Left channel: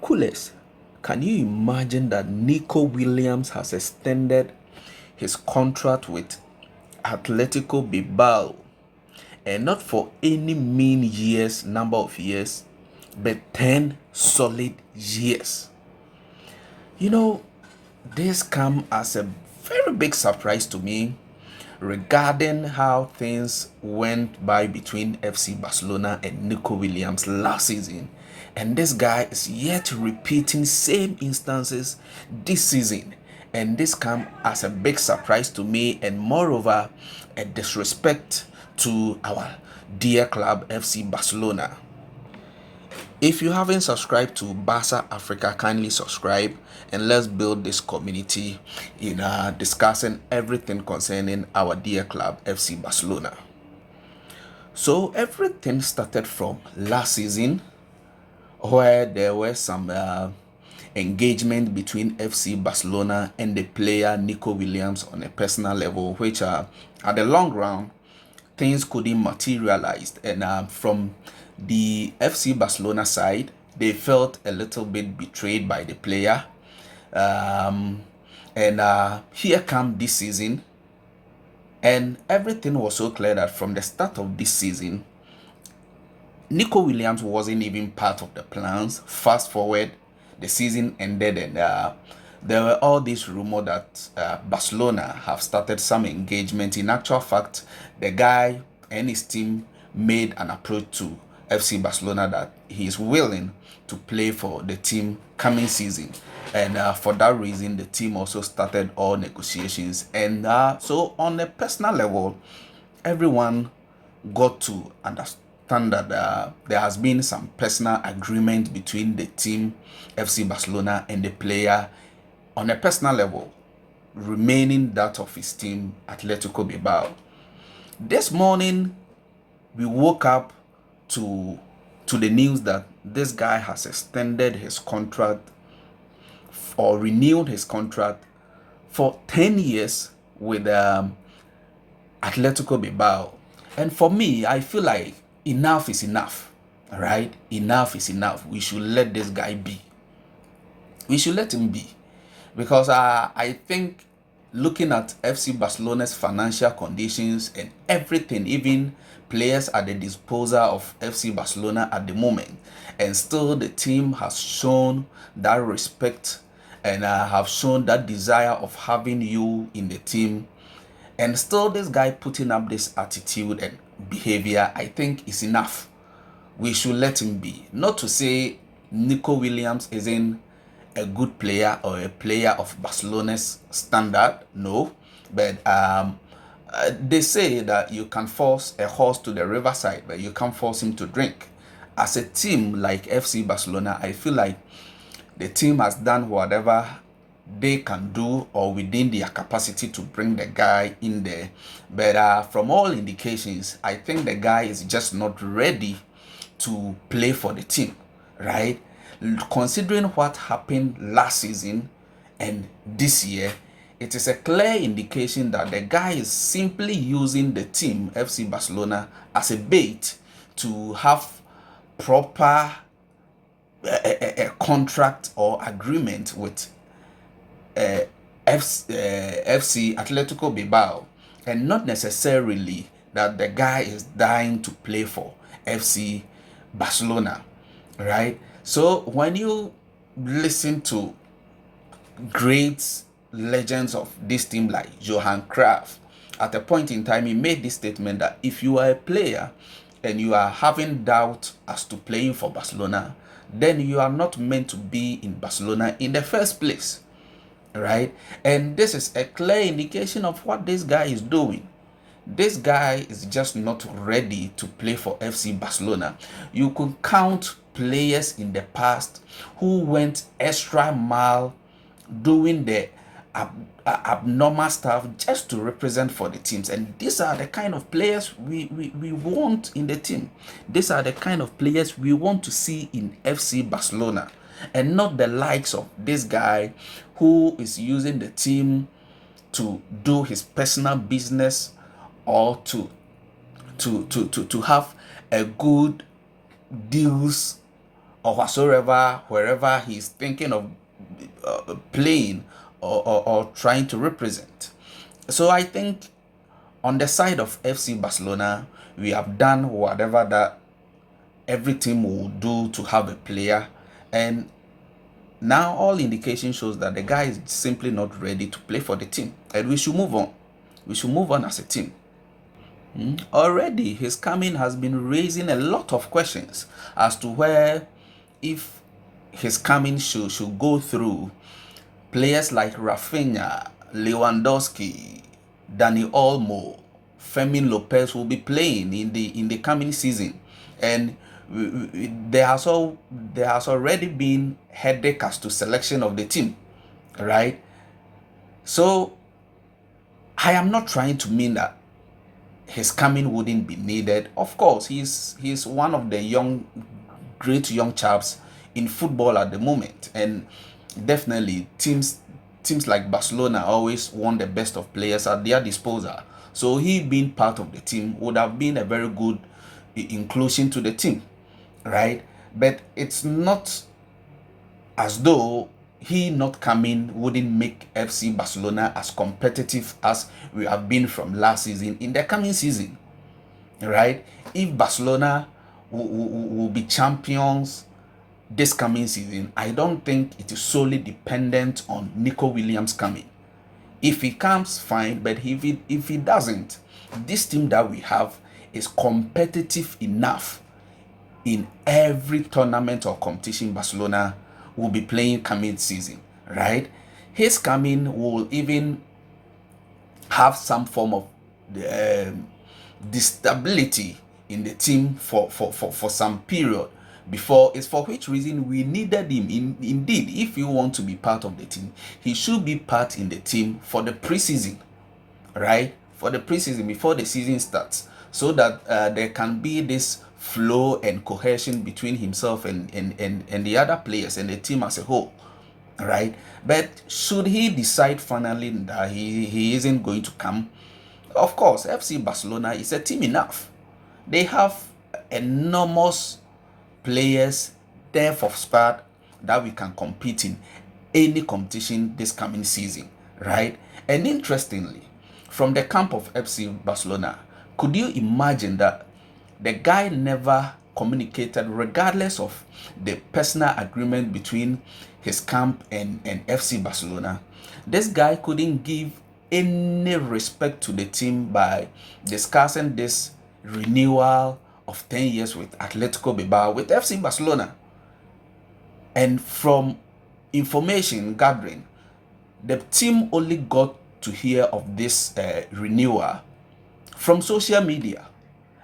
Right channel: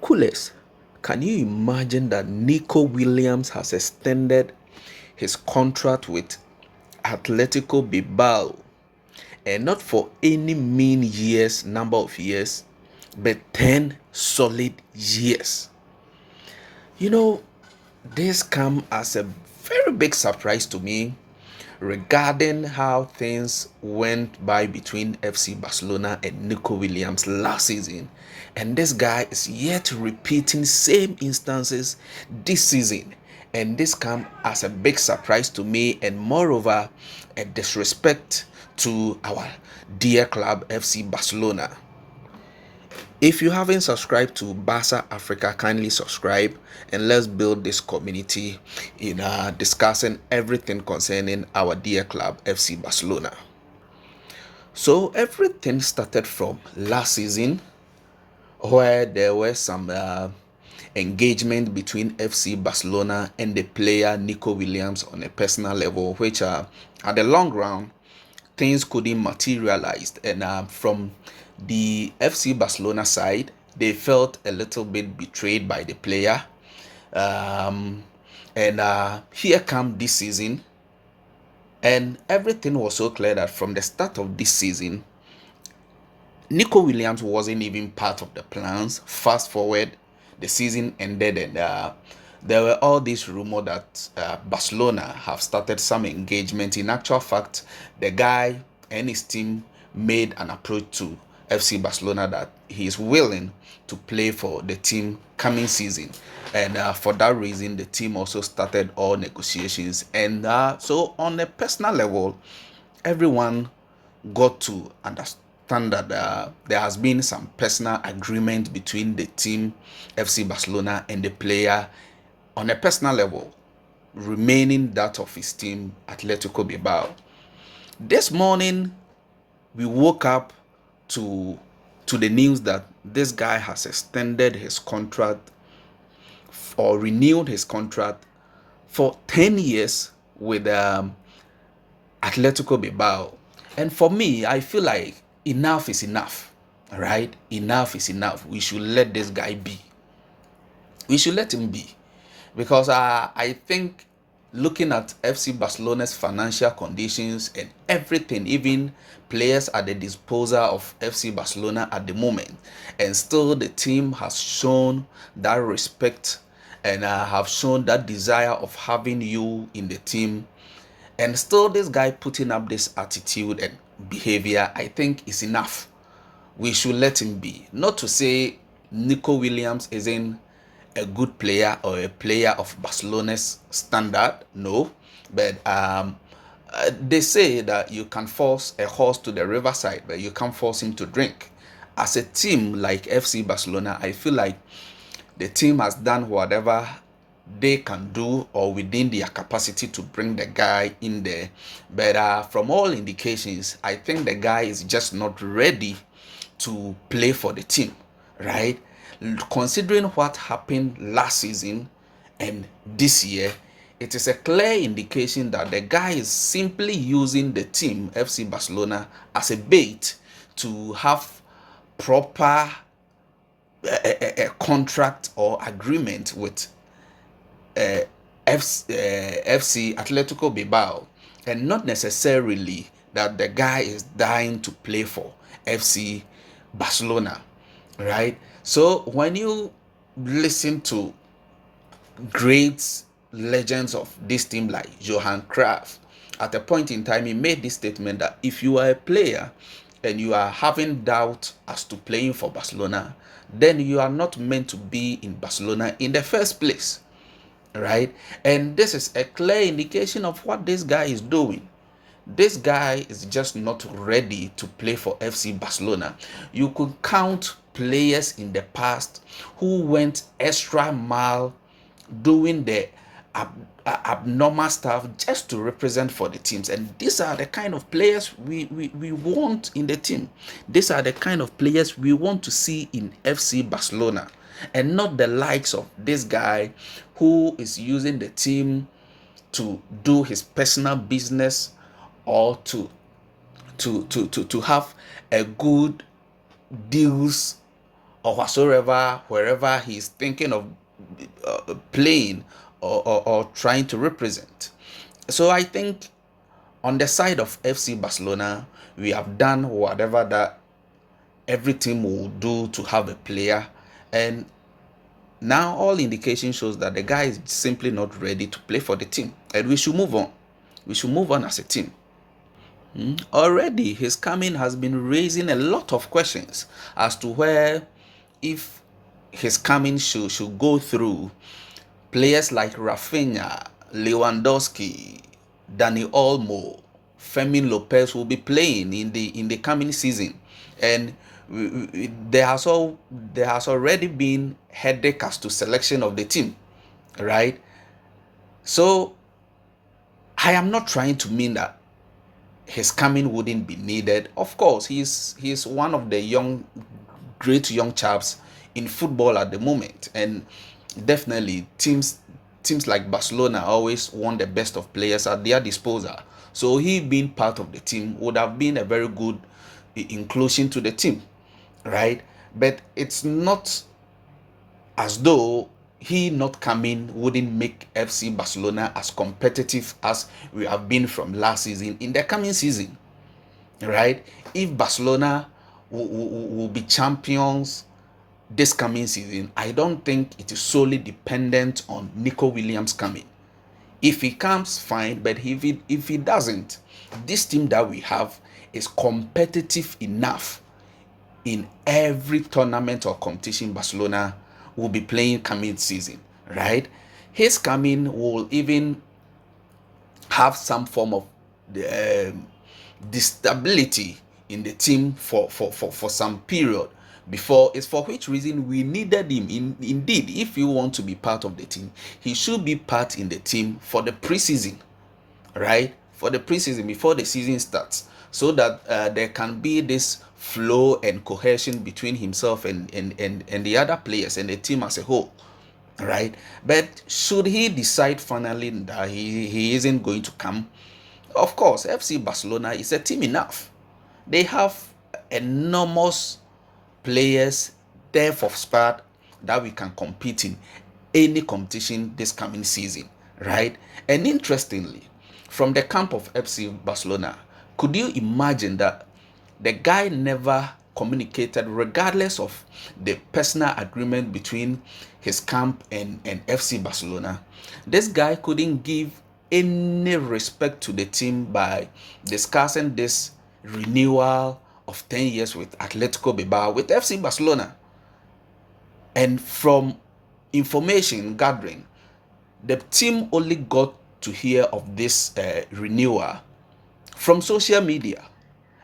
Coolest, can you imagine that Nico Williams has extended his contract with Athletico Bilbao, and not for any mean years, number of years, but 10 solid years? You know, this come as a very big surprise to me regarding how things went by between FC Barcelona and Nico Williams last season. And this guy is yet repeating same instances this season. And this come as a big surprise to me, and moreover, a disrespect to our dear club FC Barcelona. If you haven't subscribed to Barca Africa, kindly subscribe, and let's build this community in discussing everything concerning our dear club FC Barcelona. So everything started from last season, where there were some engagement between FC Barcelona and the player Nico Williams on a personal level, which at the long run things couldn't materialize. And from the FC Barcelona side, they felt a little bit betrayed by the player. And here come this season, and everything was so clear that from the start of this season, Nico Williams wasn't even part of the plans. Fast forward, the season ended, and there were all these rumors that Barcelona have started some engagement. In actual fact, the guy and his team made an approach to FC Barcelona that he is willing to play for the team coming season. And for that reason, the team also started all negotiations. And so on a personal level, everyone got to understand that there has been some personal agreement between the team, FC Barcelona, and the player on a personal level, remaining that of his team, Athletico Bilbao. This morning, we woke up to the news that this guy has extended his contract or renewed his contract for 10 years with Atletico Bilbao. And for me, I feel like enough is enough, right? Enough is enough. We should let this guy be. We should let him be. Because I think looking at FC Barcelona's financial conditions and everything, even players at the disposal of FC Barcelona at the moment, and still the team has shown that respect and have shown that desire of having you in the team, and still this guy putting up this attitude and behavior, I think is enough. We should let him be. Not to say Nico Williams isn't a good player or a player of Barcelona's standard, no, but they say that you can force a horse to the riverside, but you can't force him to drink. As a team like FC Barcelona, I feel like the team has done whatever they can do or within their capacity to bring the guy in there. But from all indications, I think the guy is just not ready to play for the team, right? Considering what happened last season and this year, it is a clear indication that the guy is simply using the team, FC Barcelona, as a bait to have proper a contract or agreement with FC Atletico Bilbao, and not necessarily that the guy is dying to play for FC Barcelona, right? So when you listen to great legends of this team like Johan Cruyff, at a point in time he made this statement that if you are a player and you are having doubt as to playing for Barcelona, then you are not meant to be in Barcelona in the first place, right? And this is a clear indication of what this guy is doing. This guy is just not ready to play for FC Barcelona. You could count players in the past who went extra mile doing the abnormal stuff just to represent for the teams, and these are the kind of players we want in the team. These are the kind of players we want to see in FC Barcelona, and not the likes of this guy who is using the team to do his personal business or to have a good deals or whatsoever, wherever he's thinking of playing or trying to represent. So I think on the side of FC Barcelona, we have done whatever that every team will do to have a player, and now all indication shows that the guy is simply not ready to play for the team, and we should move on. We should move on as a team. Already, his coming has been raising a lot of questions as to where, if his coming should go through, players like Rafinha, Lewandowski, Dani Olmo, Fermin Lopez will be playing in the coming season, and there has already been headache as to selection of the team, right? So I am not trying to mean that his coming wouldn't be needed. Of course, he's one of the great young chaps in football at the moment, and definitely teams like Barcelona always want the best of players at their disposal. So he being part of the team would have been a very good inclusion to the team, right? But it's not as though he not coming wouldn't make FC Barcelona as competitive as we have been from last season in the coming season, right? If Barcelona will be champions this coming season, I don't think it is solely dependent on Nico Williams coming. If he comes, fine, but if he doesn't, this team that we have is competitive enough in every tournament or competition Barcelona will be playing coming season, right? His coming will even have some form of stability in the team for some period before, it's for which reason we needed him. Indeed, if you want to be part of the team, he should be part in the team for the preseason, right? For the preseason before the season starts, so that there can be this flow and cohesion between himself and the other players and the team as a whole, right? But should he decide finally that he isn't going to come, of course, FC Barcelona is a team enough. They have enormous players, depth of squad that we can compete in any competition this coming season, right? And interestingly, from the camp of FC Barcelona, could you imagine that the guy never communicated, regardless of the personal agreement between his camp and FC Barcelona? This guy couldn't give any respect to the team by discussing this renewal of 10 years with Athletico Bilbao with FC Barcelona. And from information gathering, the team only got to hear of this renewal from social media,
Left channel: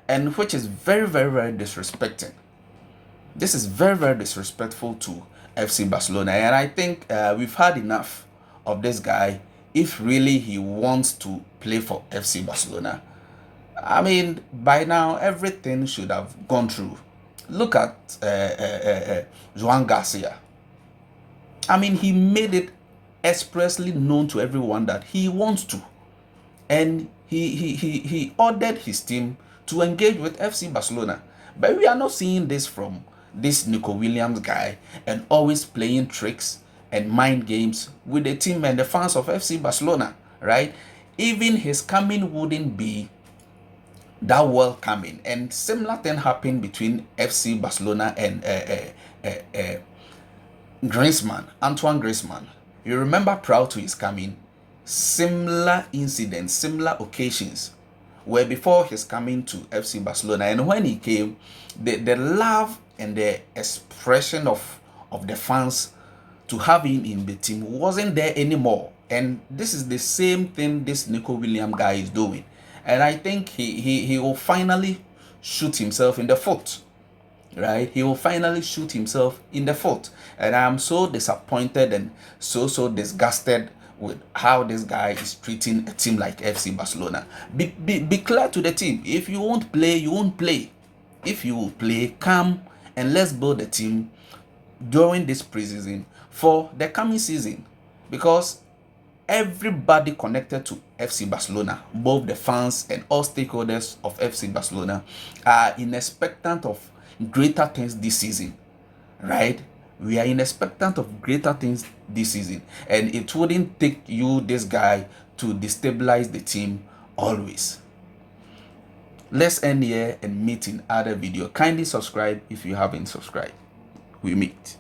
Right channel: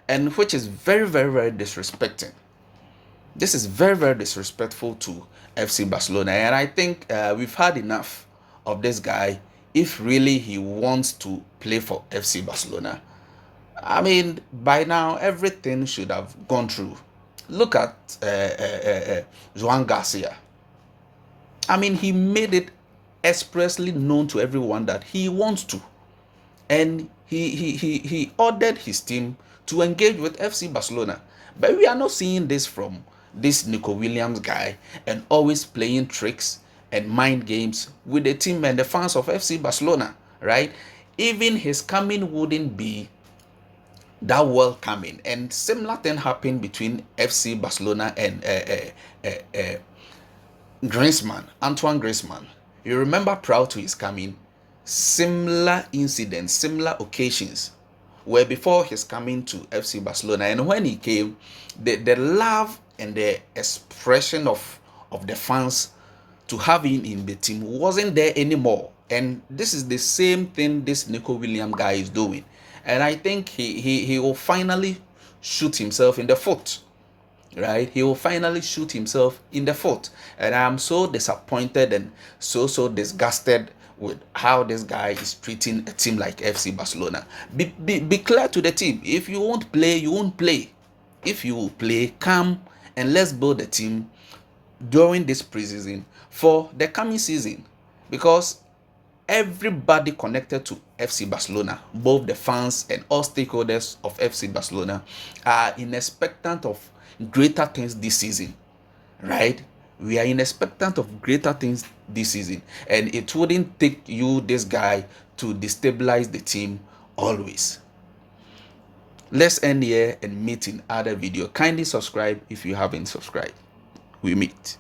and which is very, very, very disrespecting. This is very, very disrespectful to FC Barcelona, and I think we've had enough of this guy if really he wants to play for FC Barcelona. I mean, by now everything should have gone through. Look at Joan Garcia. I mean, he made it expressly known to everyone that he wants to, and he ordered his team to engage with FC Barcelona. But we are not seeing this from this Nico Williams guy, and always playing tricks and mind games with the team and the fans of FC Barcelona, right? Even his coming wouldn't be that welcoming. And similar thing happened between FC Barcelona and Griezmann, Antoine Griezmann. You remember prior to his coming, similar incidents, similar occasions were before his coming to FC Barcelona. And when he came, the love and the expression of the fans to have him in the team wasn't there anymore. And this is the same thing this Nico Williams guy is doing. And I think he will finally shoot himself in the foot, right? He will finally shoot himself in the foot. And I'm so disappointed and so disgusted with how this guy is treating a team like FC Barcelona. Be clear to the team. If you won't play, you won't play. If you will play, come and let's build a team during this preseason for the coming season. Because everybody connected to FC Barcelona, both the fans and all stakeholders of FC Barcelona, are in expectant of greater things this season, right? We are in expectant of greater things this season, and it wouldn't take you, this guy, to destabilize the team always. Let's end here and meet in other video. Kindly subscribe if you haven't subscribed. We meet.